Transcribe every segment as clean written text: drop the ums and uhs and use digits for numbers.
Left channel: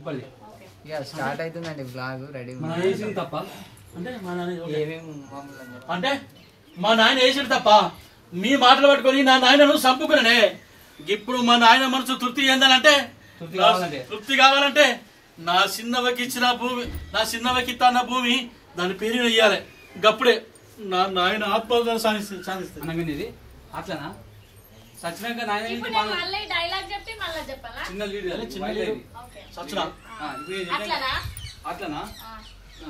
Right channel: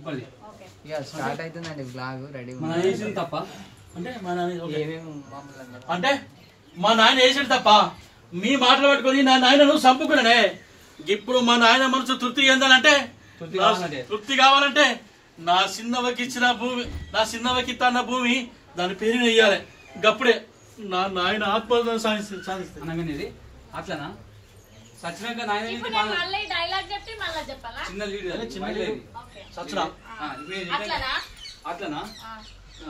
ఇక స్టార్ట్ అవుతుందండి blog ready తప్ప అంటే మా నాయన వేసాడు తప్ప మీ మాటలు పట్టుకొని నా నాయనను చంపుకున్నానే. ఇప్పుడు మా నాయన మనసు తృప్తి చెందాలంటే తృప్తి కావాలంటే నా చిన్నవకి ఇచ్చిన భూమి, నా చిన్నవకి ఇస్తున్న భూమి దాని పేరు వేయాలి. గప్పుడే నా నాయన ఆత్మహత్య సాధిస్తుంది. అట్లనా సచ్చినాక నాయన అట్లనా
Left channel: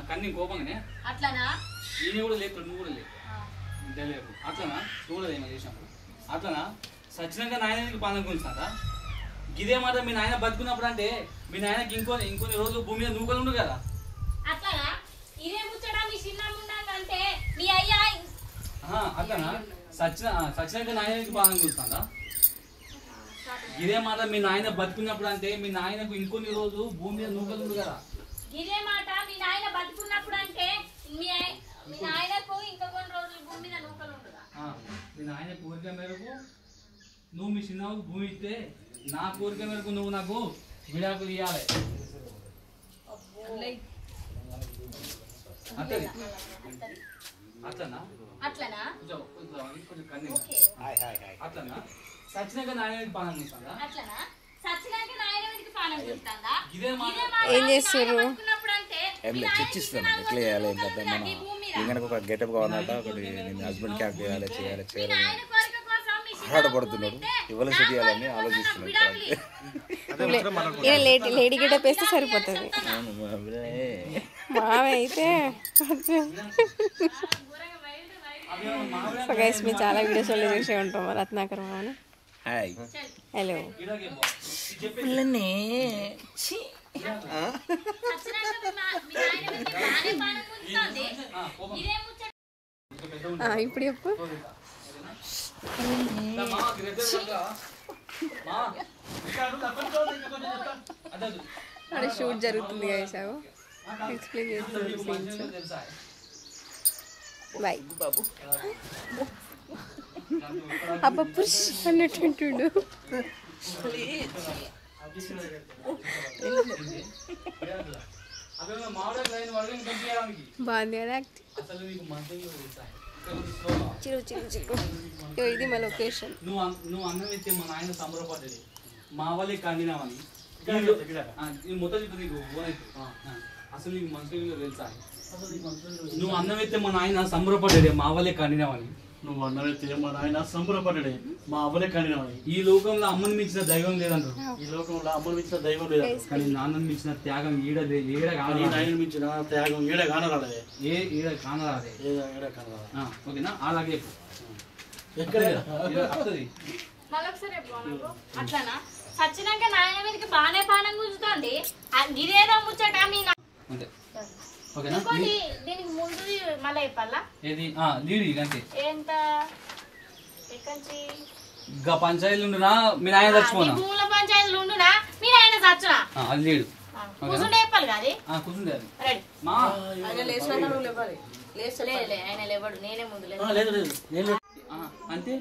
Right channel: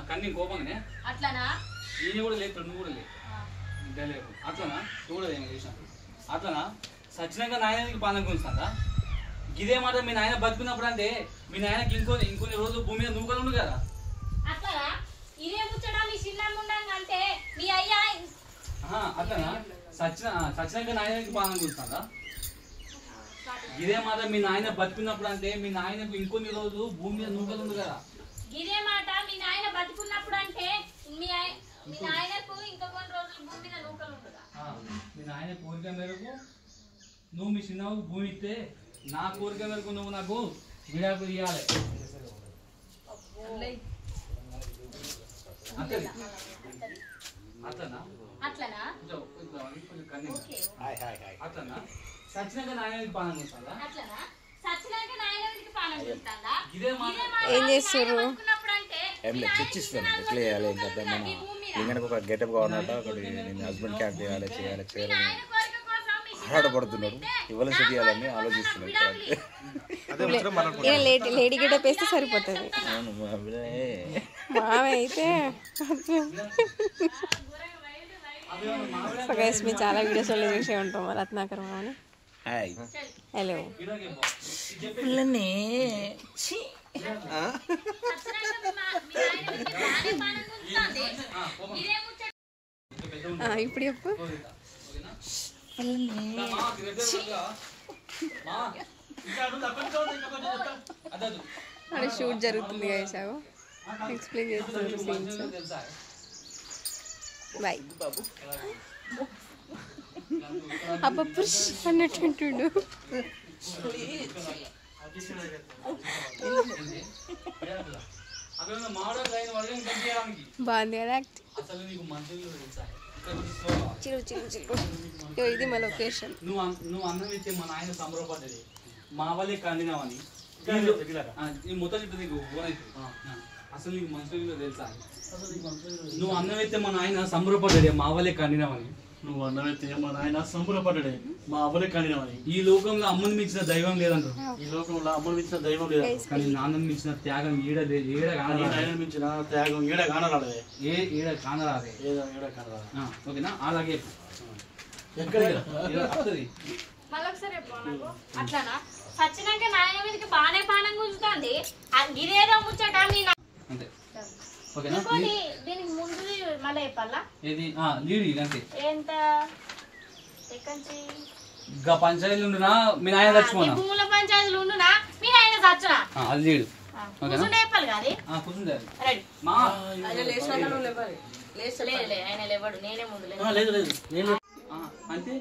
కన్నీ కోపంగానే అట్లనా ఈయన కూడా లేదు, నువ్వు కూడా లేదు అట్లనా చూడదేమో చేసినప్పుడు అట్లనా సచ్చినాక నాయనకి పాలన గుంచుతాడా? ఇదే మాట మీ నాయన బతుకున్నప్పుడు అంటే మీ నాయనకి ఇంకొన్ని రోజులు భూమి మీద నూకలు ఉండు కదా. అట్లనా సచ్చినాక నాయనకి పాలన గుంచుతాడా? ఇదే మాట మీ నాయన బతుకున్నప్పుడు అంటే మీ నాయనకు ఇంకొన్ని రోజులు భూమి మీద నూకలు ఉండు కదా. ఇదే మాట మీ నాయన బతుకున్నప్పుడు అంటే మీ నాయనకు ఇంకా కొన్ని రోజులు భూమి మీద నూకలు ఉండుగా. మీ నాయన కోరిక మేరకు నువ్వు మీ చిన్నకు భూమి ఇస్తే నా కోరిక మేరకు నువ్వు నాకు విడాకులు ఇవ్వాలి. అట్లనా సచ్చినాక నాయనకి పాలన చేస్తాడా? ఏం చేస్తారు? చర్చిస్తాను ఎట్లా చేయాలి ఏంటంటే మన ఇంకనకు ఒక గెటప్ కావాలన్నట ఒకటి నేను హస్బెండ్ క్యాప్ చేయాలి ఆరాటపడుతున్నాడు ఇవాళ సెట్ చేయాలని ఆలోచిస్తున్నాడు. లేడీ గెటప్ వేస్తే సరిపోతుంది. మామ అయితే సో గైస్ మేము చాలా వీడియోస్లో చూసే ఉంటాం రత్నాకర్ మామని. హలో ఇప్పుడు చెప్పు. అక్కడ షూట్ జరుగుతుంది గైసావు ఎక్స్ప్లెయిన్ చేస్తున్నారు సీన్స్. బాయ్ బాబు అబ్బ పుష్ అన్నట్టుంటుడు. బాగుంది కదా చిరు చిరు చిరు. ఇది మా లొకేషన్. నువ్వు అన్నం ఇస్తే మా నాయన సంబరపడ్డది మా వాళ్ళే కండినావని మొత్తం చెప్పి నీకు అసలు నీకు మనుషులు తెలుసా? నువ్వు అన్నం అయితే మా నాయన సంబరపడ్డాడే మా వాళ్ళే కండినావని. నువ్వు అన్నమైతే మా నాయన సంబరపడ్డాడే మా అవ్వలే కండినావని. ఈ లోకంలో అమ్మని మించిన దైవం లేదంటారు. ఈ లోకంలో అమ్మని మించిన దైవం లేదు, కానీ నాన్నని మించిన త్యాగం ఈడ మించిన త్యాగం ఈడ కానరాదే. ఈడ కానరాదే. ఓకేనా? అలాగే అట్లనా సచ్చినాక నాయన మీదకి బాగానే పానం కూర్చుంది. గిరేదో ముచ్చట అంతే. ఓకేనా? దీనికి ముందు మళ్ళీ చెప్పాలా? ఏది లీడ్ అంతే. ఎంత ఇంకా పంచాయతీలు ఉండునా మీ నాయన చచ్చిపోనా? భూముల పంచాయతీలు ఉండునా మీ నాయన చచ్చునా? అది లీడ్ కూర్చుంటే చెప్పాలి కానీ కూర్చుంటే రెడీ. ఆయన లేవాడు, నేనే ముందు అంతే.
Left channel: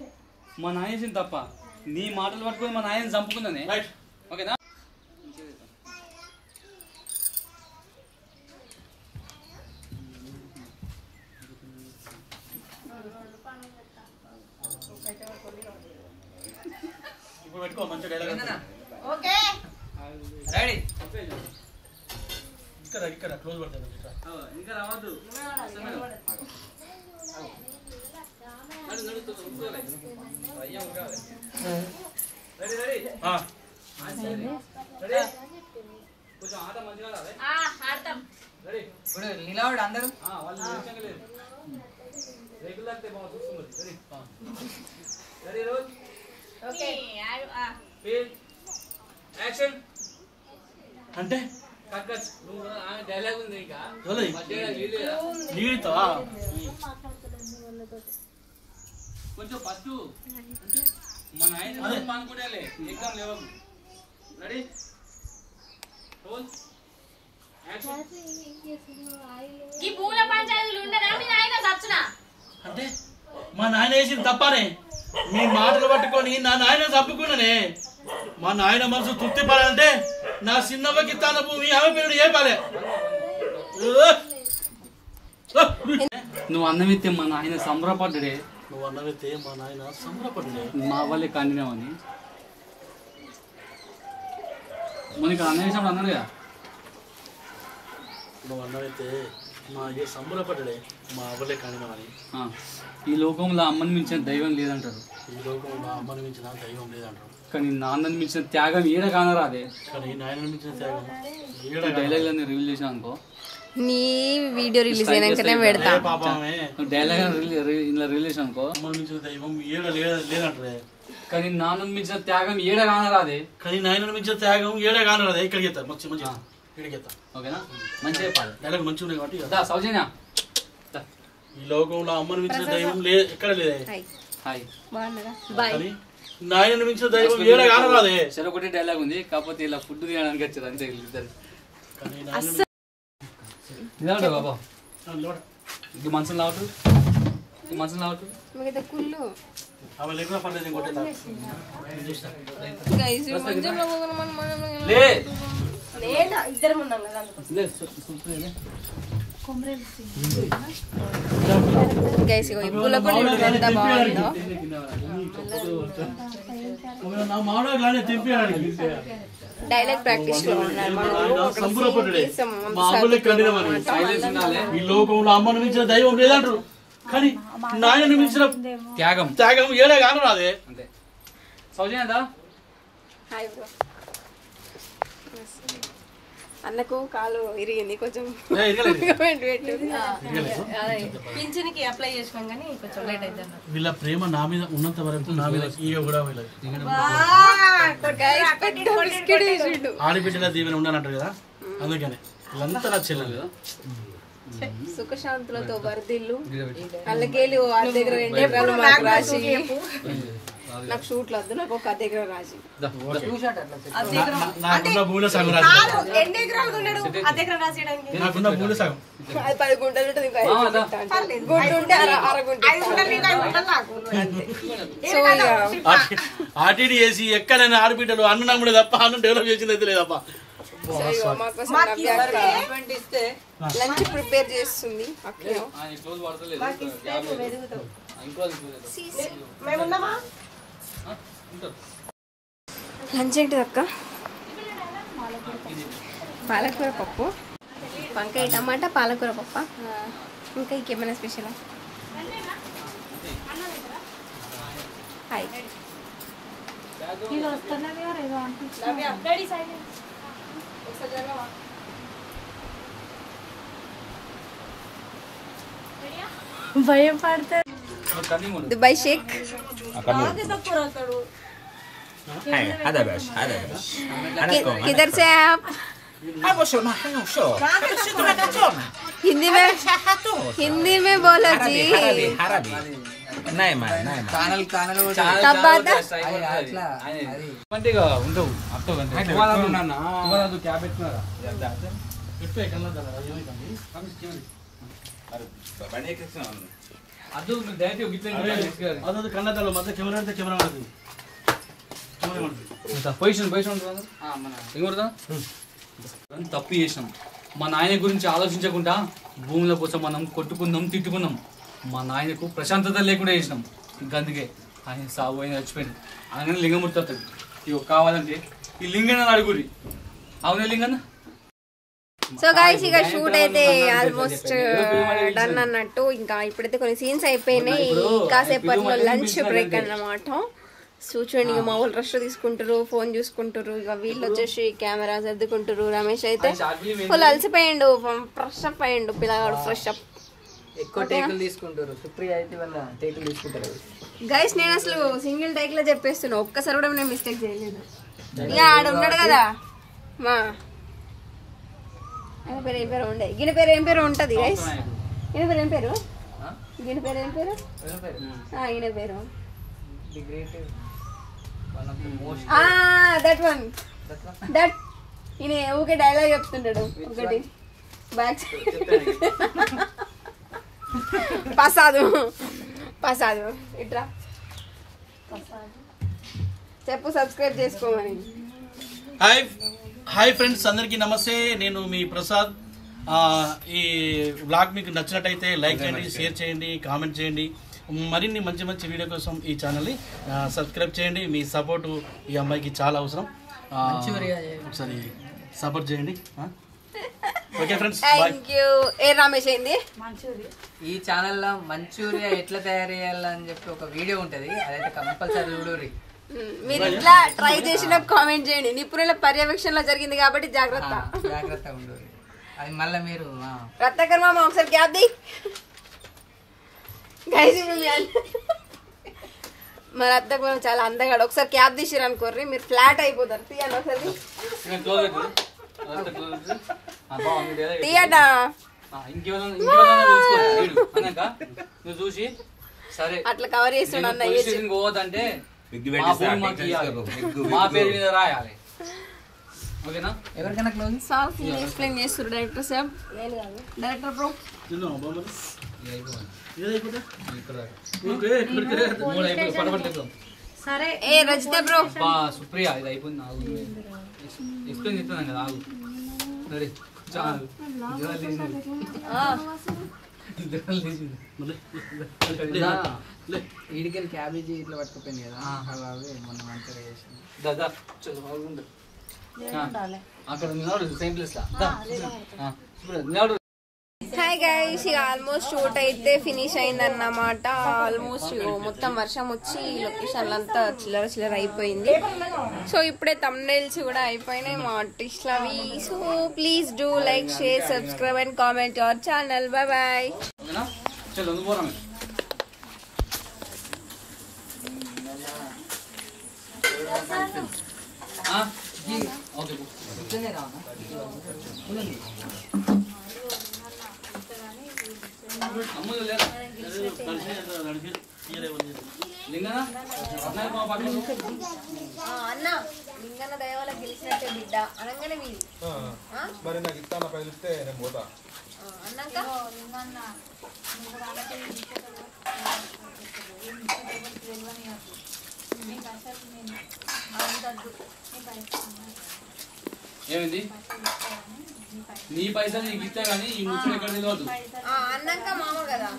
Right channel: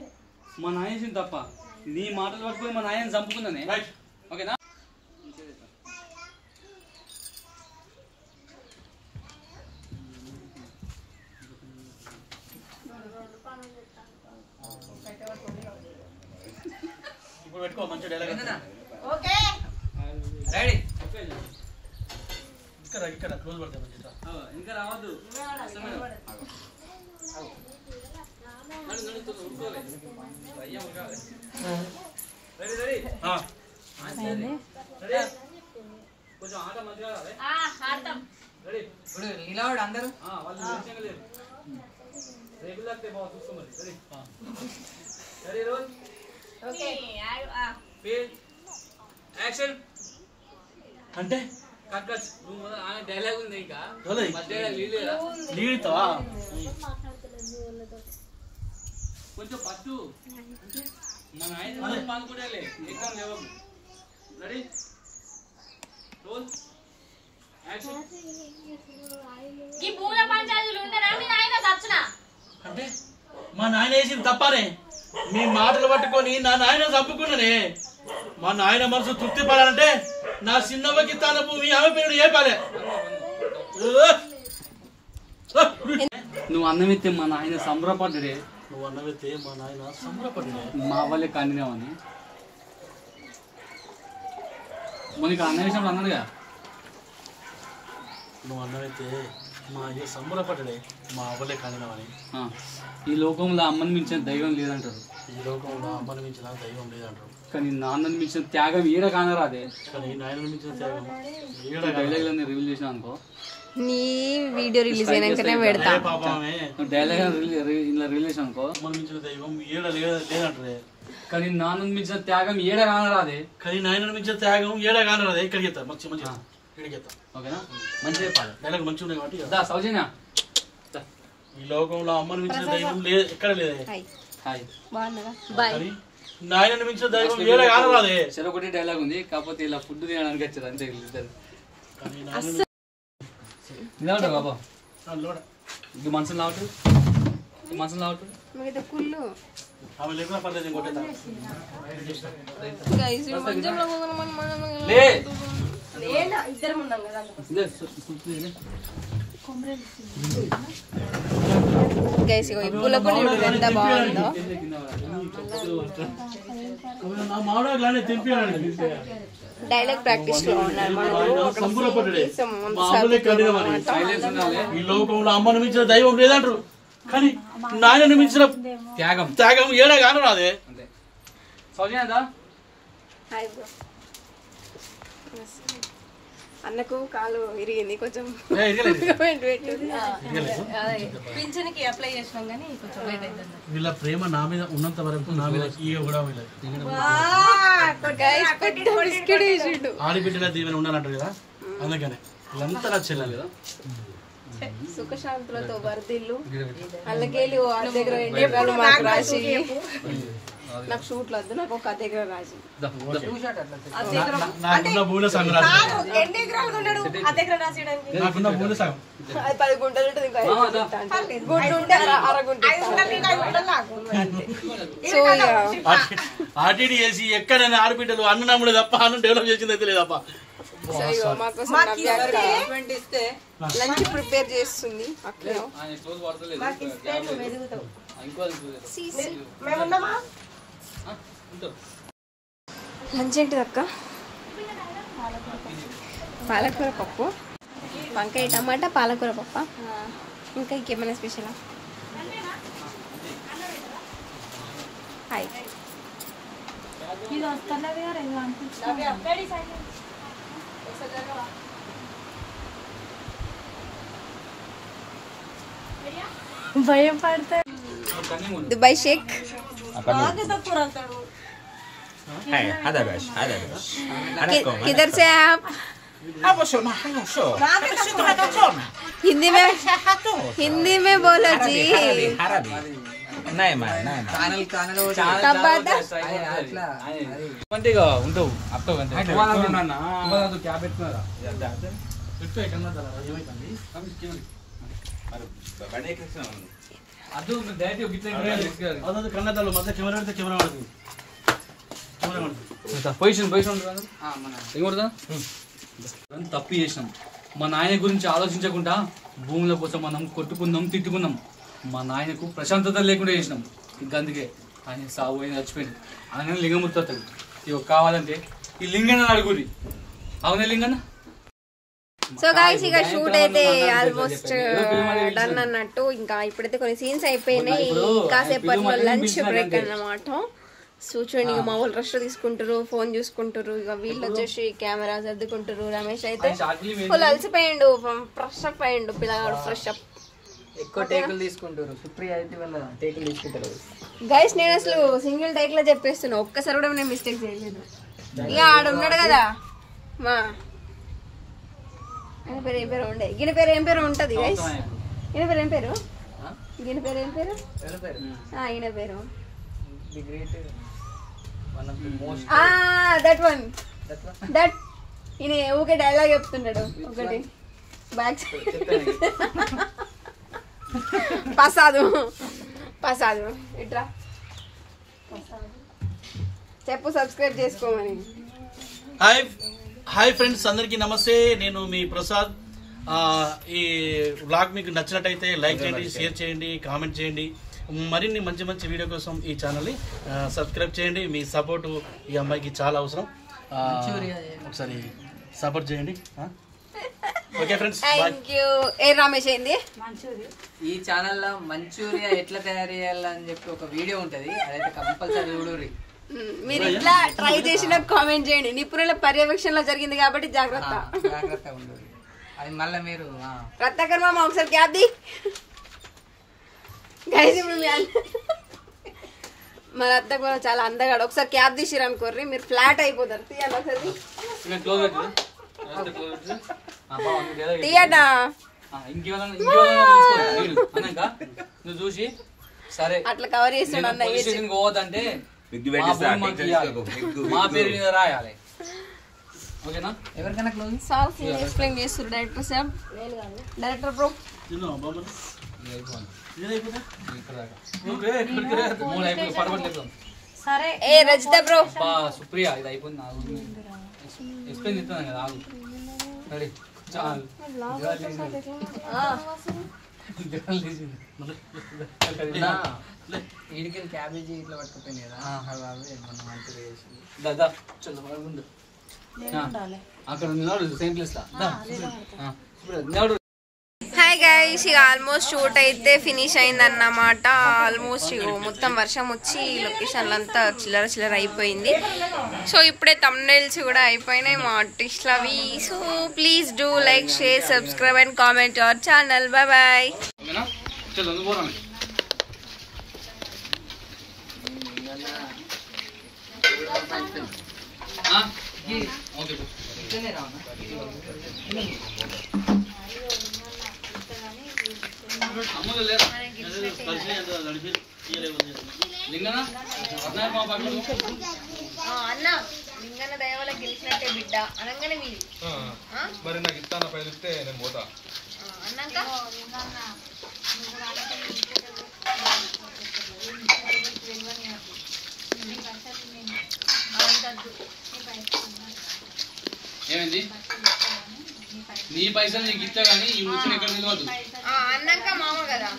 మా నాయన తప్ప నీ మాటలు పట్టుకొని మా నాయన చంపుకున్నానే. ఓకేనా? ఇప్పుడు పెట్టుకో మంచి డైలాగ్. Okay ready. ఇక్కడ క్లోజ్ పడతాయి ఇంకా రావద్దు. కొంచెం ఆట మంచిగా ఆడతాం. ఇప్పుడు నిలబడు అందరూ. వాళ్ళు రెగ్యులర్ చూస్తున్నారు. Ready roll. Okay action. అంటే డైలాగ్ ఉంది ఇంకా కొంచెం ఫస్ట్ మా నాయన అనుకుంటాలే ఎగ్జామ్ లేవు. Ready roll action. ఈ భూముల పంచాయతీలు ఉండరా మీ నాయన చచ్చునా? అంటే మా నాయన వేసింది తప్పనే మీ మాటలు పట్టుకొని నా నాయన చంపుకున్నానే. మా నాయన మనసు తృప్తి పడాలంటే నా చిన్నవ్వకి తన భూమి ఆమె పేరు ఏ పాలే నువ్వు అన్నమిత్తే మా నాయన సంబరపడ్డాడే. నువ్వు అన్నవితే మా నాయన సంబరపడ్డాడే. మా వాళ్ళే కండినావని మనకి అన్న విషయంలో అన్నాడుగా. నువ్వు అన్నవితే మా అయ్యే సంబరపడ్డాడే మా అవ్వలే కానినావని. ఈ లోకంలో అమ్మని మించిన దైవం లేదంటారు. ఈ లోకంలో అమ్మని మించిన దైవం లేదంటారు. కానీ నాన్నని మించిన త్యాగం ఈడ కానరాదే. కానీ నాయనని మించిన త్యాగం డైలాగ్ రివీల్ చేసిన అనుకో, నీ వీడియో రిలీజ్ అయినాకనే పెడతా. పాపమే డైలాగ్ ఇలా రిలీజ్ చేసిన అనుకో, అమ్మని మించిన దైవం ఈడ లేదంటారే. కానీ నాన్నని మించిన త్యాగం ఈడ కానరాదే. కానీ నాయనని మించిన త్యాగం ఏడా కానరాదే. ఇక్కడికి ఎత్తారు మంచి మంచి ఇక్కడికి ఎత్తారు. ఓకేనా? మంచిగా చెప్పాలి. డైలాగ్ మంచిగా ఉన్నాయి కాబట్టి దా సౌజన్య, ఈ లోకంలో అమ్మని మించిన దైవం ఎక్కడ లేదే. హాయ్. బాగున్నారా? బాయ్. నాయనని మించిన దైవం ఏడా కానరాదే. సరే ఒకటి డైలాగ్ ఉంది, కాకపోతే ఇలా ఫుడ్ తినడానికి వచ్చారు అంతే ఇద్దరు. నిలబడు బాబా, ఇది మనసులు లావటు, మనసులు లావటు. మిగతా కుళ్ళు అవి లేకుండా పర్లేదు ఇంకోటి గైస్ మంచంలో లే ఇద్దరం ఉన్నాం కదా. గైస్ ఇగో ఈ పూల పొడి ఎంత బాగుందో. డైలాగ్ ప్రాక్టీస్ లో ఉన్నారు. ఈ లోకంలో అమ్మను మించిన దైవం లేదంటారు. కానీ నాయనని మించిన త్యాగం ఏడా కానరాదే. సౌజన్యదా అన్నకు కాలు ఇరిగింది కొంచెం. పింఛన్కి అప్లై చేసినాం కానీ కొంచెం లేట్ అయింది. వీళ్ళ ప్రేమ నా మీద ఉన్నంత వరకు నా మీద ఈగ కూడా ఆడిబిడ్డల దీవెన ఉండాలంటారు కదా, అందుకనే వీళ్ళంతా నా చెల్లెలు. సుఖశాంతులతో వర్దిల్లు. అల్లకేలి వాళ్ళ దగ్గర ఎండేకాలు మాకు రాసి, నాకు షూట్లు వద్దు, నాకు ఒక దగ్గర రాసి నాకున్న భూమిలో సగం రాసి, దగ్గర రాసేయడానికి నాకున్న భూమిలో సగం. అది 10 గుంటలు ఉంటుంది. ఇంకా గుంట ఉంటే అరగుంట. సో ఆర్టీడీ చేసి ఎక్కడైనా ఆడబిడ్డలు అన్న నమ్ముడే తప్ప అన్న డెవలప్ చేసింది అయితే లేదప్ప. మాకోసం లంచ్ ప్రిపేర్ చేస్తుంది. లంచ్ ఏంటిది అక్క? పాలకూర పప్పు, వంకాయ టమాటా, పాలకూర పప్ప. ఇంకా ఇంకేమైనా స్పెషలా? హాయ్. భయం పడతారు. దుబాయ్ షేక్. هذا باش هذا باش किधर से है आप? ابو شو ما حلو شو हिंदी में बोलो जी. عربي نايمة कब आता? అంతేగా ఉండవు అట్టవు అంతే. అదు డైరెక్ట్ గిట్ల కన్నదాలు మధ్య కెమెరా అంటే కెమెరా పడుతుంది. పొజిషన్ తప్పు చేసినాం. మా నాయన గురించి ఆలోచించకుండా భూముల కోసం మనం కొట్టుకుందాం, తిట్టుకుందాం. మా నాయనకు ప్రశాంతత లేకుండా చేసినాం. అందుకే ఆయన సాగు అయిన చచ్చిపోయింది. ఆయన లింగమూర్తి అవుతాడు. ఇవి కావాలంటే ఈ లింగన్న అడుగురి. అవునే లింగన్న. సో గాయ్స్ ఇక షూట్ అయితే ఆల్మోస్ట్ డన్ అన్నట్టు. ఇంకా ఇప్పుడైతే కొన్ని సీన్స్ అయిపోయినాయి. కాసేపట్లో లంచ్ బ్రేక్ అన్నమాట. సో చూడండి, ఇక మా వాళ్ళు రష్ తీసుకుంటారు, ఫోన్ చూసుకుంటారు. ఇక వీళ్ళు వచ్చేసి కెమెరా సర్దుకుంటారు. రమేష్ అయితే ఫుల్ అలసిపోయిండు, ఫ్రెష్ అప్ అయ్యిండు పిల్లగాడు. ఫ్రెష్ అప్ ఎక్కువ టేకులు తీసుకుంటారు. సుప్రియ అయితే వాళ్ళ టేకులు తీసుకుంటారు. గైస్ నేను అసలు సింగిల్ టేక్ లో చెప్పేస్తున్నా, ఒక్కసారి కూడా నేను మిస్టేక్ చేయలేదు. ఇక ఆడ ఉన్నాడు కదా మా ఆయన పేరు ఏం పేరు ఉండే, ఈయన పేరు ఏం పేరు ఉంటది గైస్. ఈయన పేరు ఏం పేరు? ఈయన పేరు ఏం పేరు? ఈయన పేరు దట్ వన్ దట్. ఈయన ఊకే డైలాగ్ చెప్తుంటాడు ఒకటి బ్యాక్ పసాదు పసాదు ఇట్రా చెప్పు, సబ్స్క్రైబ్ చేసుకోమని. హాయ్ హాయ్ ఫ్రెండ్స్, అందరికీ నమస్తే. నేను మీ ప్రసాద్. ఈ వ్లాగ్ మీకు నచ్చినట్టయితే లైక్ చేయండి, షేర్ చేయండి, కామెంట్ చేయండి. మరిన్ని మంచి మంచి వీడియో కోసం ఈ ఛానల్ని సబ్స్క్రైబ్ చేయండి. మీ సపోర్టు ఈ అమ్మాయికి చాలా అవసరం. ఒకసారి సపోర్ట్ చేయండి. Okay friends, thank you. ఏ రమేష్ ఏంది ఈ ఛానల్లో మంచూరియా ఎట్లా తయారు చేయాలని చెప్పి ఒక వీడియో ఉంటది, అదైతే కంపల్సరీ చూడుర్రి. మీరు ఇట్లా ట్రై చేసిన కామెంట్ చేయండి. నిపుణుల పర్యవేక్షణలో జరిగింది కాబట్టి జాగ్రత్త జాగ్రత్తగా ఉండుర్రి. అది మళ్ళీ మీరు రత్నాకర్ మామ ఒకసారి క్యాబ్ ది గైస్. ఇప్పుడు మా రత్నాకర్ మామ చాలా అందగాడు. ఒకసారి క్యాబ్ తీసిరు అనుకోర్రి, మీరు ఫ్లాట్ అయిపోతారు. తీయండి ఒకసారి, తీయడా. నువ్వు చూసి సరే అట్లా కవర్ చేస్తాడు అన్న. పోవద్దంటే మా పేరు మీద రాయాలి. ఓకేనా? ఎవరికైనా క్లోజ్ సార్ సీన్ ఎక్స్ప్లెయిన్ చేస్తారు డైరెక్టర్ సార్. డైరెక్టర్ బ్రో సరే ఏ రజిత బ్రో. సుప్రియ ఇది అయిపోయింది. ఎక్స్ప్లెయిన్ చెప్తాను కదా, ఆగు. రెడీ చాలు. వీడికెళ్ళి క్యాబేజీ ఇట్లా పట్టుకుపోయింది కదా, అవి మనం మంచిగా చేసింది. దాదా చలో అక్కడ సేమ్ ప్లేస్ లా. హాయ్ గైస్, ఇక ఆల్మోస్ట్ షూట్ అయితే ఫినిష్ అయిందన్నమాట. ఆల్మోస్ట్ ఇగో మొత్తం వర్షం వచ్చి లొకేషన్లు అంతా చిల్లర చిల్లర అయిపోయింది. సో ఇప్పుడే థంబ్నెయిల్స్ కూడా అయిపోయినాయి మా ఆర్టిస్ట్లు అవి. So please do like, share, subscribe and comment our channel. Bye bye. చలో పోరాం. ఓకే ఇట్లనే రావనా? అమ్ములు లేరా లింగనా అన్న లింగన్న దయవల్ల గెలిచినట్టే బిడ్డ అనగానే మీరు మరి నాకు ఇస్తాను పైలు ఇస్తే నేను పోతా అన్నాక ఏమైంది? నీ పైసలు నీకు ఇచ్చా కానీ ఈ ముచ్చిన ఎక్కడ తెలియదు. అన్నాక మామ కదా.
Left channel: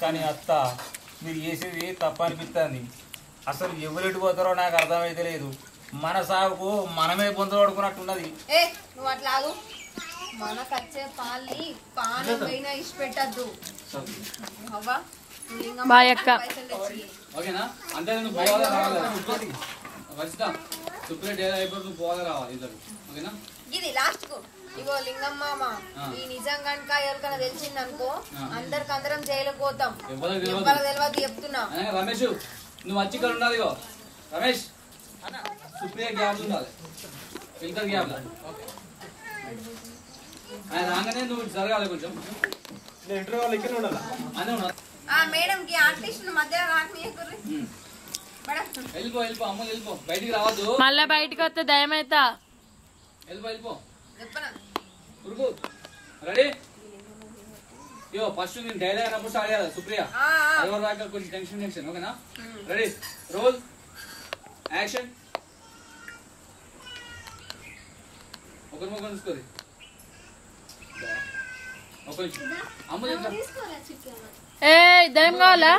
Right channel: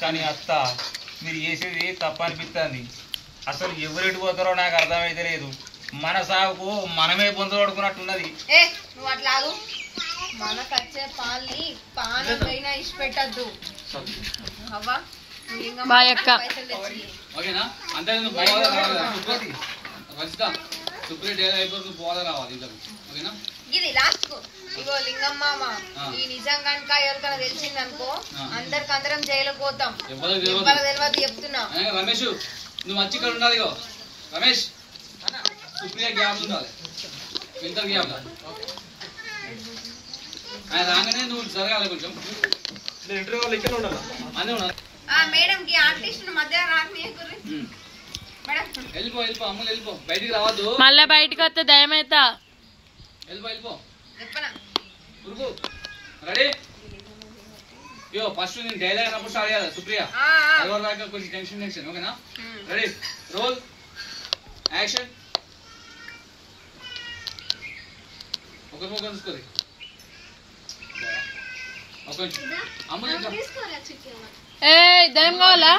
కానీ అత్త మీరు చేసేది తప్ప అనిపిస్తుంది. అసలు ఎవరెటు పోతారో నాకు అర్థమైతే లేదు. మన సాగుకు మనమే పొందబడుకున్నట్టున్నది. ఏ నువ్వు అట్లా ఆగు. మనకు వచ్చే పాల్ని పానకైనా ఇష్ట పెట్టద్దు అవ్వా. ఓకేనా? అంటే నువ్వు పోవాలా రావాలా? సుప్రీం డేలా అయిపోతే నువ్వు పోవాలా రావాలి ఇద్దరు. ఓకేనా? ఇది లాస్ట్ కు ఇగో లింగమ్మ ఈ నిజం కనుక ఎవరికైనా తెలిసిందనుకో అందరికందరం జైలుకు పోతాం. తెలియదు చెప్తున్నా. రమేష్ నువ్వు వచ్చి ఇక్కడ ఉండాలి. ఇగో రమేష్ సుప్రియ గ్యాప్ ఉండాలి, ఇంటర్ గ్యాప్ ఆయన రాగానే నువ్వు జరగాలి కొంచెం. ఇంటర్వ్యూ వాళ్ళు ఇక్కడ ఉండాలి అన్నీ ఉన్నారు. మేడం కి ఆర్టిస్ట్ మధ్య రాకనీయకుర్రి. వెళ్ళిపో వెళ్ళిపో అమ్ములు వెళ్ళిపో, బయటికి రావద్దు. మళ్ళా బయటకు వస్తే దయమైతా. వెళ్ళిపో వెళ్ళిపో చెప్పనా ఉరుకు. రెడీ? యో ఫస్ట్ నేను డైలాగ్ అన్నప్పుడు స్టార్ట్ చేయాలి. సుప్రియ ఎవరు దాకా కొంచెం టెన్షన్. ఓకేనా? Ready roll action. ఒకరి ముఖం తీసుకోరు. ఒక అమ్ములు ఏ దయం కావాలా?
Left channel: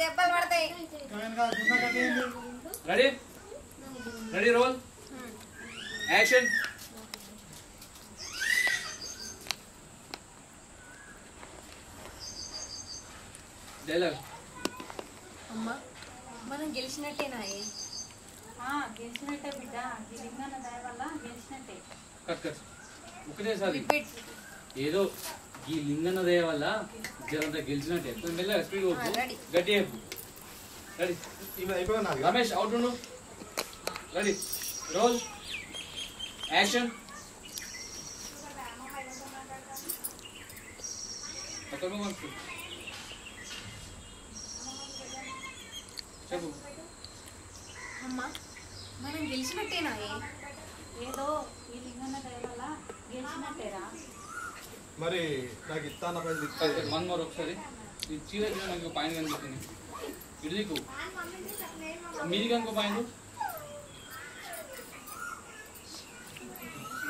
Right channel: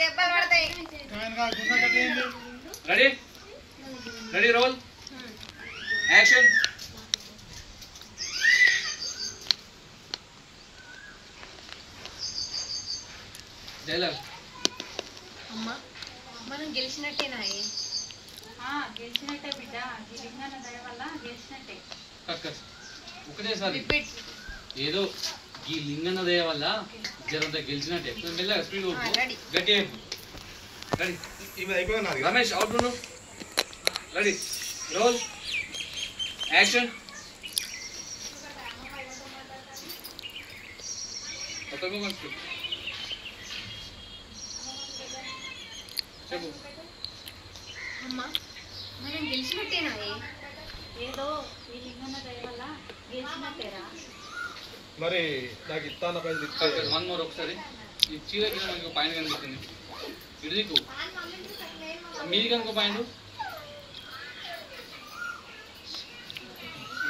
దెబ్బలు పడతాయి. Ready ready roll action. Dialogue. అమ్మా మనం గెలిచినట్టేనా? గెలిచినట్టే బిడ్డ. లింగన్న దయ వల్ల గెలిచినట్టే. కట్ కట్ ఒకటేసారి రిపీట్. ఏదో ఈ లింగన్న దయ వల్ల జరంతా గెలిచినట్టే. మెల్లగా స్పీడ్ గట్టి. Ready Ramesh out. Ready roll action. చెప్పు. అమ్మా మనం గెలిచినట్టేనా? ఏదో ఈ లింగన్న దయ వల్ల గెలిచినట్టేరా. మరి నాకు ఇస్తాను పైలు వన్ మోర్ ఒకసారి. ఈ చీర కింద మనకి పాయింట్ కనిపిస్తుంది. ఇటు దిక్కు మీది కనుక పాయింట్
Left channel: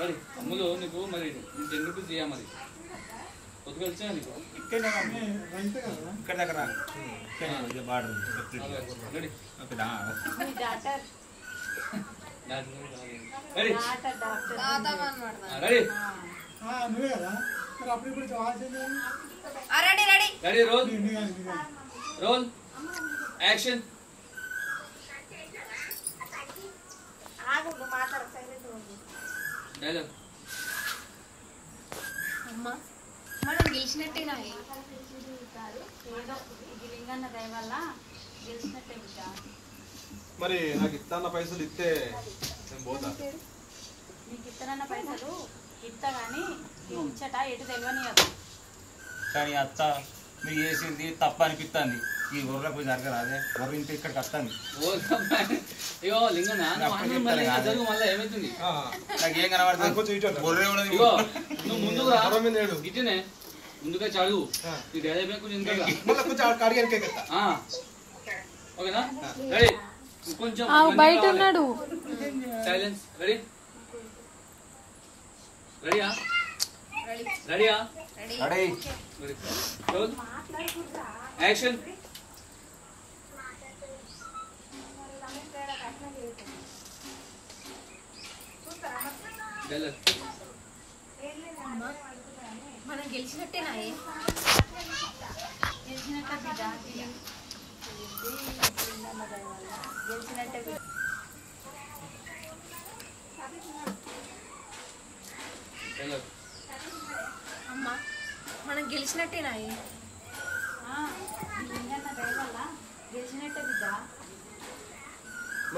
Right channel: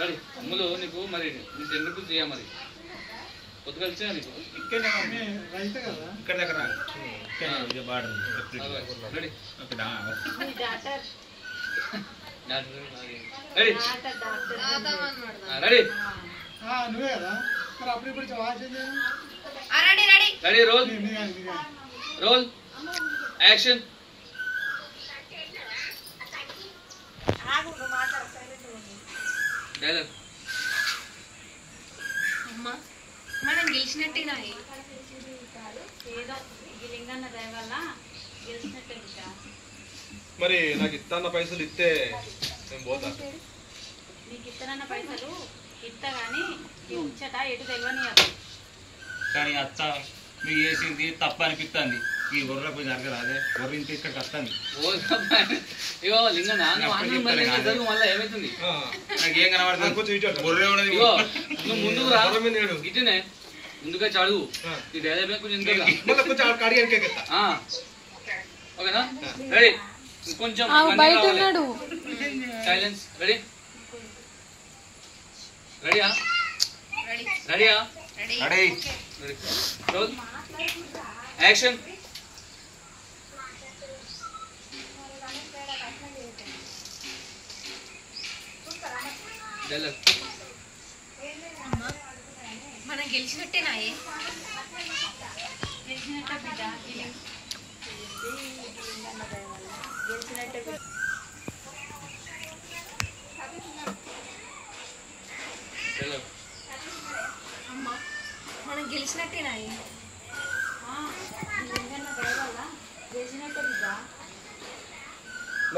రెడీ అమ్ములు నీకు మరి నీకు ఎందుకు చేయ మరి కొద్దిగా కలిసా నీకు ఇక్కడ దగ్గర ready ready ready ready roll roll action dialogue అమ్మా మనం గెలిచినట్టేనా ఏదో ఈ లింగన్న దయ వల్ల గెలిచినట్టే బిడ్డ. మరి నాకు ఇస్తాన్న పైసలు ఇస్తే నేను పోతా. నీకు ఇస్తానన్న పైసలు ఇస్తా కానీ ఈ ముచ్చట ఎటు తెలియనియదు. కానీ అత్త మీకు చేసింది తప్ప అనిపిస్తుంది. ఈ గొర్రెలకు జరగరాదే గొర్రె ఇంత ఇక్కడికి వస్తుంది. ఇగో లింగన్న మళ్ళీ ఏమైతుంది నాకు ఏం కనబడుతుంది గొర్రె ఉన్నది. ఇగో నువ్వు ముందుకు రా ఇటునే ముందుగా చదువు ఈ డైలాగ్ కొంచెం ఓకేనా రెడీ కొంచెం బయట ఉన్నాడు సైలెన్స్ రెడీ రెడీయా రెడీయా రెడీ రోల్ యాక్షన్ డైలాగ్ మనం గెలిచినట్టేనా గెలిచినట్టే బిడ్డ. ఈ లింగన్న దయ వల్ల గెలిచినట్టే బిడ్డ. డైలాగ్ అమ్మా మనం గెలిచినట్టేనా ఈ లింగన్న దయ వల్ల గెలిచినట్టే బిడ్డ.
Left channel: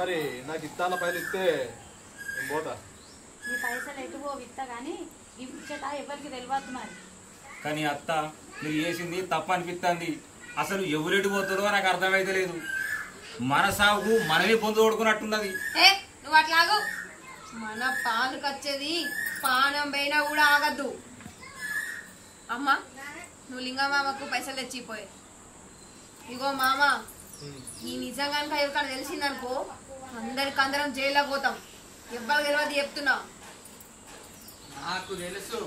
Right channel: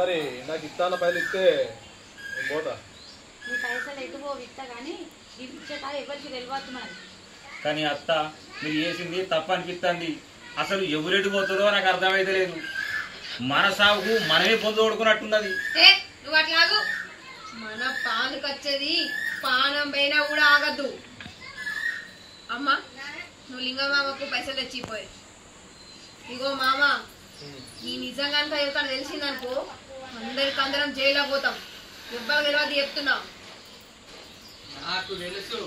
మరి నాకు ఇస్తాన్న పైసలు ఇస్తే నేను పోతా. నీ పైసలు ఎటువో విత్తా కానీ ఈ ముచ్చట ఎవరికి తెలియదు మరి. కానీ అత్త మీరు చేసింది తప్ప అనిపిస్తుంది. అసలు ఎవరెటు పోతుందో నాకు అర్థమైతే లేదు. మన సాగుకు మనమే పొందు కొడుకున్నట్టున్నది. నువ్వు అట్లాగు మన పాలకు వచ్చేది పానం పైన కూడా ఆగద్దు. అమ్మా నువ్వు లింగమామకు పైసలు తెచ్చిపోయి ఇగో మామ ఈ నిజంగా ఎవరికైనా తెలిసిందనుకో అందరం జైల్లో పోతాం. ఎవ్వరు తెలియదు చెప్తున్నా. నాకు తెలుసు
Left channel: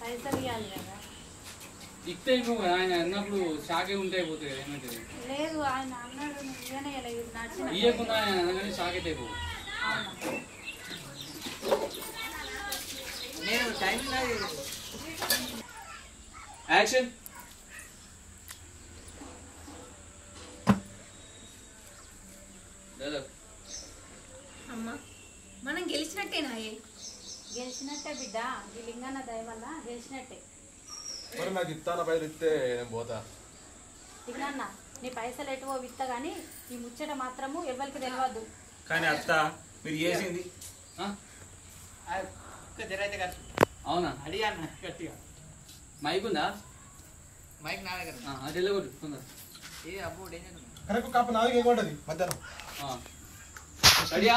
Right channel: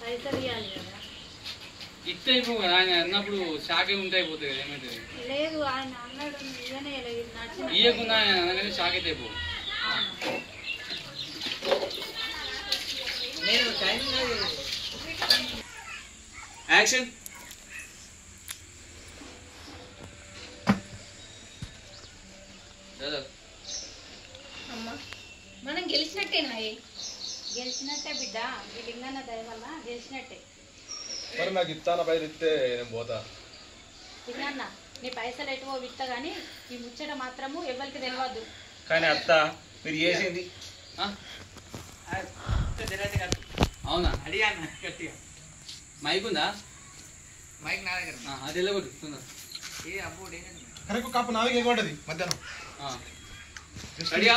పైసలు ఇవ్వాలి కదా. ఇస్తే ఇప్పుడు ఆయన అన్నప్పుడు షాకే ఉంటే అయిపోతుంది ఏమైతుంది లేదు ఆయన అన్నాడు నువ్వేనే నచ్చిన ఇయ్యకుండా ఆయన అనగానే షాక్ అయితే అయిపో నేను టైం యాక్షన్ అమ్మా మనం గెలిచినట్టేనా గెలిచినట్టే బిడ్డ. ఈ లింగన్న దయ వల్ల గెలిచినట్టే. మరి నాకు ఇస్తాన్న పైసలు ఇస్తే నేను పోతా. లింగన్న నీ పైసలు ఎటువో విత్తా కానీ ఈ ముచ్చట మాత్రము ఎవరికి తెలియదు. కానీ అత్త మీరు చేసింది అవునా అడిగా గట్టిగా మైక్ ఉందా మైక్ నా దగ్గర అది వెళ్ళగొట్టు తొందర ఏ అబ్బో డేంజర్ కరెక్ట్ కప్పు నాలుగు ఎగొంటది మధ్యాహ్నం. రెడీయా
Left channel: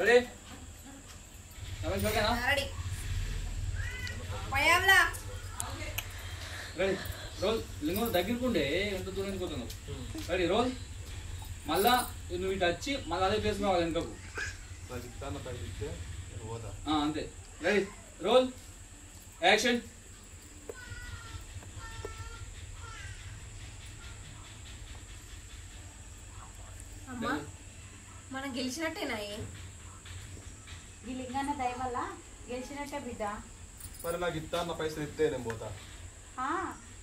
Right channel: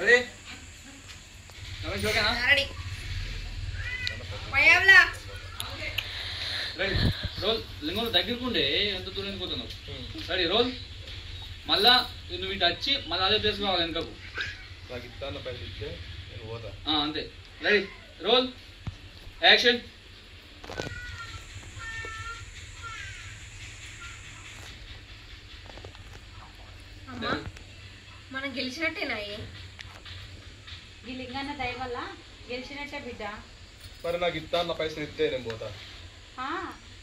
రెడీ రమేష్ ఓకేనా రెడీ పయ్యావ్లా రెడీ రోల్ లింగం దగ్గరకుండే ఎంత దూరం పోతున్నావు రెడీ రోల్ మళ్ళా నువ్వు ఇటు వచ్చి మళ్ళీ అదే ప్లేస్ కావాలి వెనకకు నాకు ఇస్తాన్న పైసలు ఇస్తే నేను పోతా. అంతే రెడీ రోల్ యాక్షన్ అమ్మా మనం గెలిచినట్టేనా ఈ లింగన్న దయ వల్ల గెలిచినట్టే బిడ్డ. మరి నాకు ఇస్తాన్న పైసలు ఇస్తే నేను పోతా.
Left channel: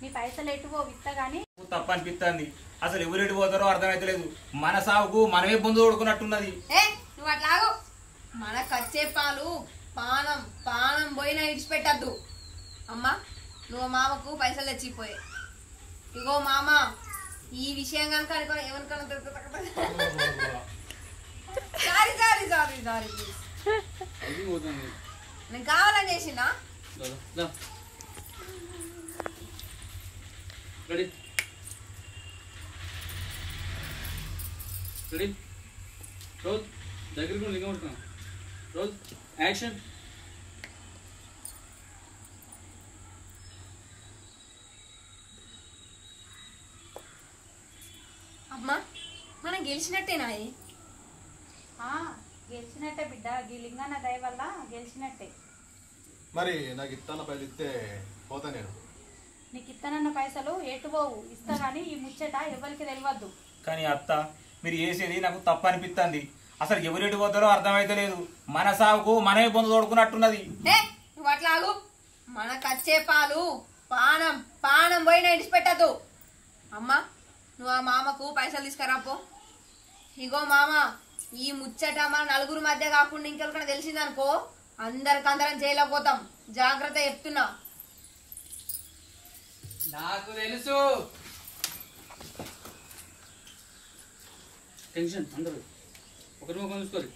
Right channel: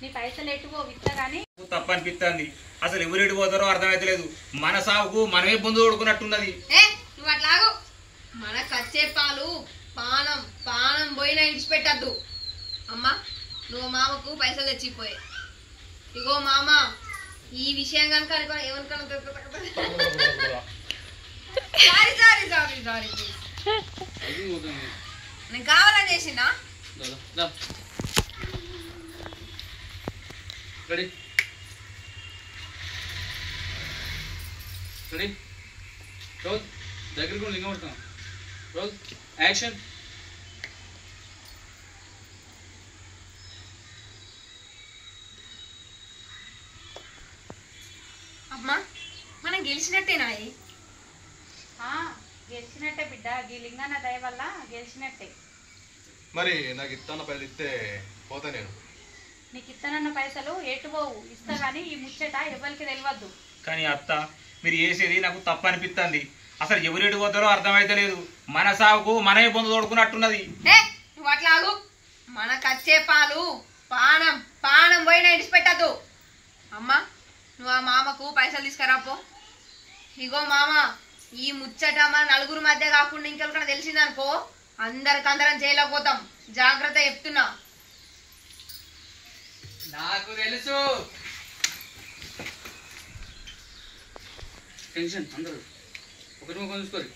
నీ పైసలు ఎటువో విత్తా కానీ తప్ప అనిపిస్తుంది. అసలు ఎవరెటు పోతారో అర్థమైతే లేదు. మన సాగుకు మనమే పొందు కొడుకున్నట్టున్నది. నువ్వు అట్లాగు మనకు వచ్చే పాలు పానం పానం పోయినా ఇడిచిపెట్టద్దు. అమ్మా నువ్వు మామకు పైసలు తెచ్చిపోయి ఇగో మామ ఈ విషయం కనుక అనుకో ఏమనుకోను sorry sorry sorry sorry please నేను కావాలని చేసిందా రెడీ రెడీ రోల్ దగ్గరకు లింగం పడుతున్నాం రోల్ యాక్షన్ అమ్మా మనం గెలిచినట్టేనా? గెలిచినట్టే బిడ్డ, ఈ లింగన్న దయ వల్ల గెలిచినట్టే. మరి నాకు ఇస్తాన్న పైసలు ఇస్తే పోతా నేను. నీకు ఇస్తానన్న పైసలు ఎటుపోవు, ఇస్తా కానీ ఈ ముచ్చట ఎవరికి తెలియద్దు. కానీ అత్త మీరు చేసేది నాకు తప్పు అనిపిస్తుంది. అసలు ఎవరెటు పోతారో అర్థమైతే లేదు. మన సాగుకు మనమే పొందు తోడుకున్నట్టున్నది. నువ్వు అట్లాగు. మనకు వచ్చే పాలు పానం పానం పోయినా ఇడిచిపెట్టద్దు. అమ్మా నువ్వు ఆ మామకు పైసలు తీసుకురాపో. ఇగో మామ, ఈ ముచ్చట మన నలుగురు మధ్య కాకుండా ఇంకెవరికైనా తెలిసిందనుకో అందరికందరం చేయలేకపోతాం. జాగ్రత్త చెప్తున్నా. నాకు తెలుసు. టెన్షన్ అందరూ ఒకరి ముఖం చూసుకోరు.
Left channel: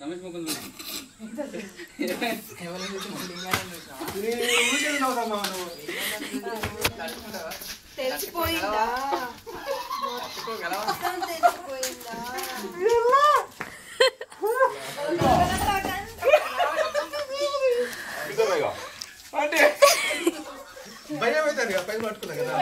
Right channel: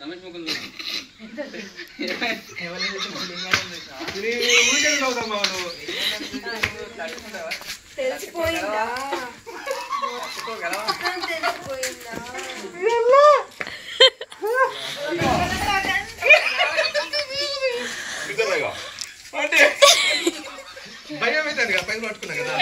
రమేష్ ముఖం చూసుకో. తెలిసిపోయిందా? భయం అవుతుంది కదా, పైసలు పట్టుకున్నా కదా.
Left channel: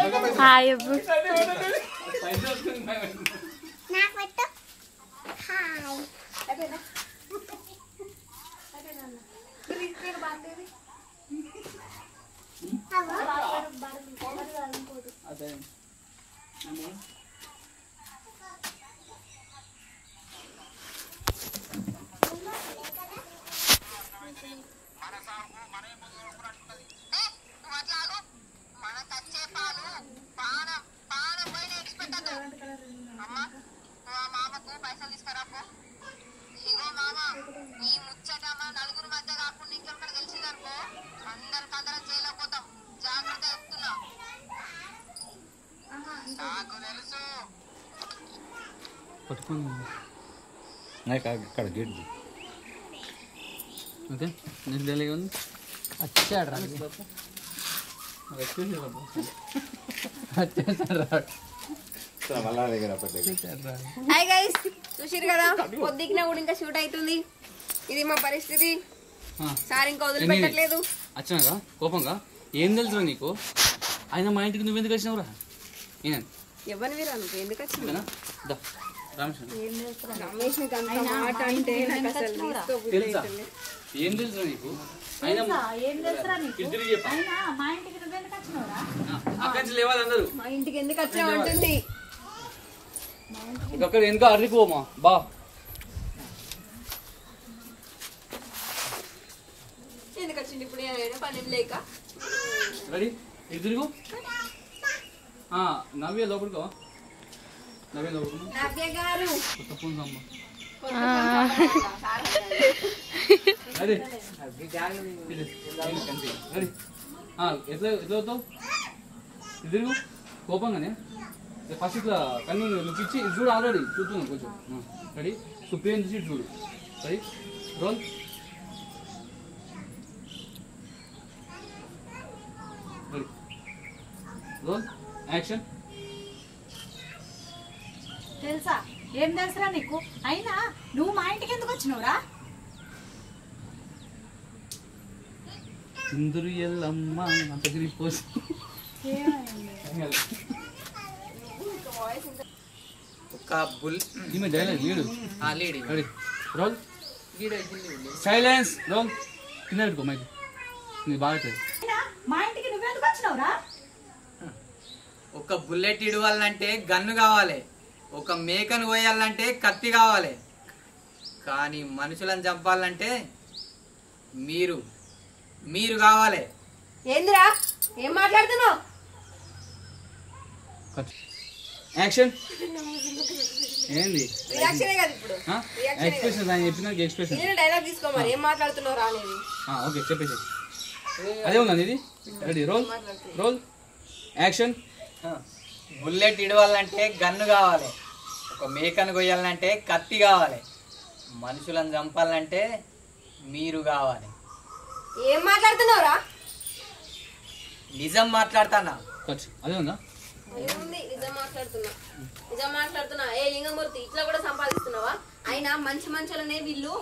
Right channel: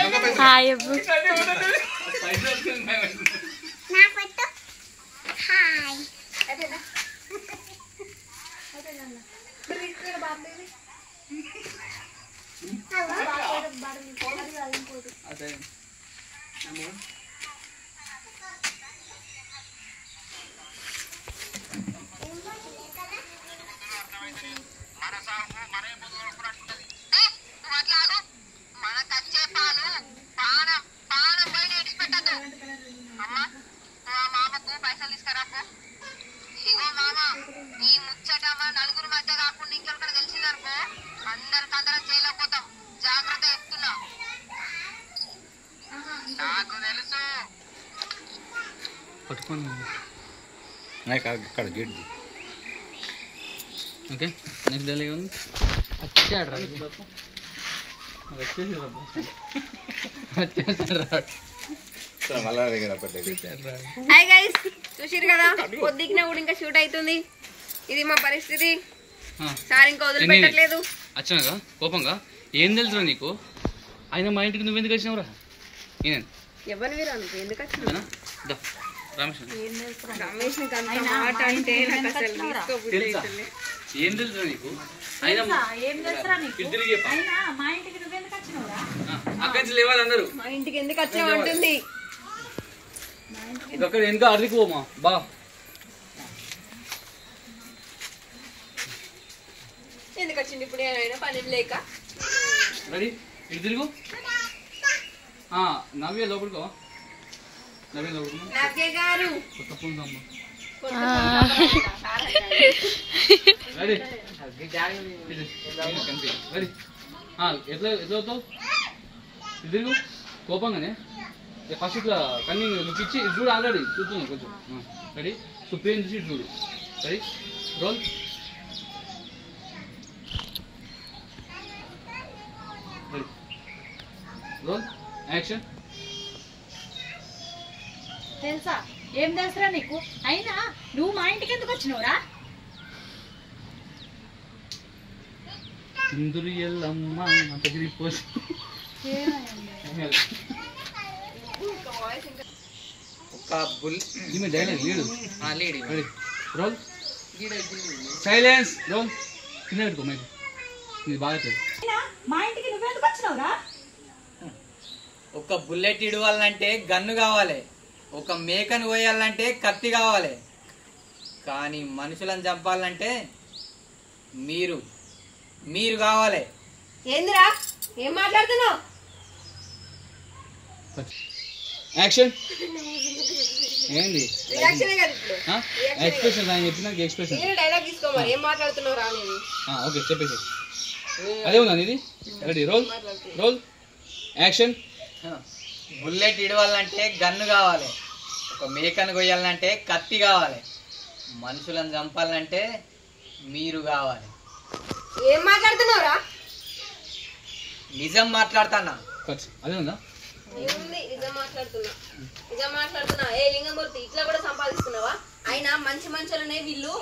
ఇక్కడ గేట్ ఓకే నెక్స్ట్ డైలీ ఉంది. హాయ్ గైస్, చూసిరు కదా పొద్దుకినా కూడా ఇంకా షూట్ అవుతుంది. ఇది మా పరిస్థితి. సార్ ఇంకా వదిలిపెట్టట్లేదు. వచ్చినాక కోపంగా ఏం తెలుసురా నీకు? ఆయన మా ఇంటికి నువ్వు ఎందుకు వచ్చినావురా? నేను ఎవరిని మీరు అనుకో ఎందుకు వచ్చినా? రమేష్ రమేష్ నీకు అంత మాట అంటే నాకు అసలు తీసుకోబుద్ధి అవుతలే. ఏం తెలుసురా నీకు? ఆయన ఏం తెలుసురా నీకు? తిరిగి చెప్పు. అయినా మా ఇంటికి నువ్వెందుకు వచ్చినావురా? అక్కడి నుంచి లేవాలి అందరూ. మా ఇంటికి ఎందుకు వచ్చామంటుంది. అక్కడ వెనుక అర్దిపోమా బా. ఎందుకు వచ్చింది ఇప్పుడు? నేను పని లేక. రెడీ ఇటు తిరుగు. నవ్వే లోపలికో. నవ్వే లోపలికో. నవ్య గారు కొత్త ఫోన్ సమ్మ. Ready ready. ఎట్లా ఎట్లా అవుతావు? ఇటు తిరుగు. కోపంగానే ఫస్ట్ ఇట్లా కన్నీ నువ్వు ఇచ్చి ఇటు చూడు. ఆల్రెడీ చూస్తున్నావు కొంచెం. రెడీ సుప్రీం చూసి ఇటు చూడు. Ready roll. Ready roll action. తెలుసా ఏం తెలుసురా నీకు? అయినా నువ్వు మా ఇంటికి ఎందుకు వచ్చినావురా? ఇందురు ఎల్లమ్మ అంత పోసి ఒక బుల్ ఈమె dialogue lead. Lead ready roll. Silence roll. కింద పెట్టుకో మైక్. నీకు బాగా అవుతుంది. అయినా మా ఇంటికి నువ్వెందుకు వచ్చినావురా? ఒక బుల్లెట్ ఇడవాలంటే గన్ను కావాలి. ఒక మేకను కోయాలంటే కత్తి కావాలి. కానీ మనుషులను చంపాలంటే మీరు మీరు కావాలి. ఏందిరా ఏం మాట్లాడుతున్నావు? యాక్షన్. ఏంది రియాక్షన్ కదా ఇప్పుడు. ఎక్స్ప్రెషన్ ఆయన చెప్పిన ఎక్స్ప్రెషన్. నేను డైలాగ్ తీసుకో మరి. ఏం మాట్లాడుతున్నావు రా అనేది. ఓకే చెప్పేసి అదే ఉందా ఇది. Ready roll roll action. Bullet ఇడవాలంటే గన్ను కావాలి. ఒక మేకను కొయ్యాలంటే కత్తి కావాలి. మనుషులను చంపాలంటే మీరు కావాలి. ఏం మాట్లాడుతున్నావురా? నిజం మాట్లాడుతానా? అదే ఉందా? ఏముంది నిజం మాట్లాడుతున్నా. నిజం మాట్లాడుతున్నా. ఏ లింగమూర్తి ఇట్లా కూడా సంపాదిస్తున్నావా? అయినా మంచి మంచులనే వీళ్ళు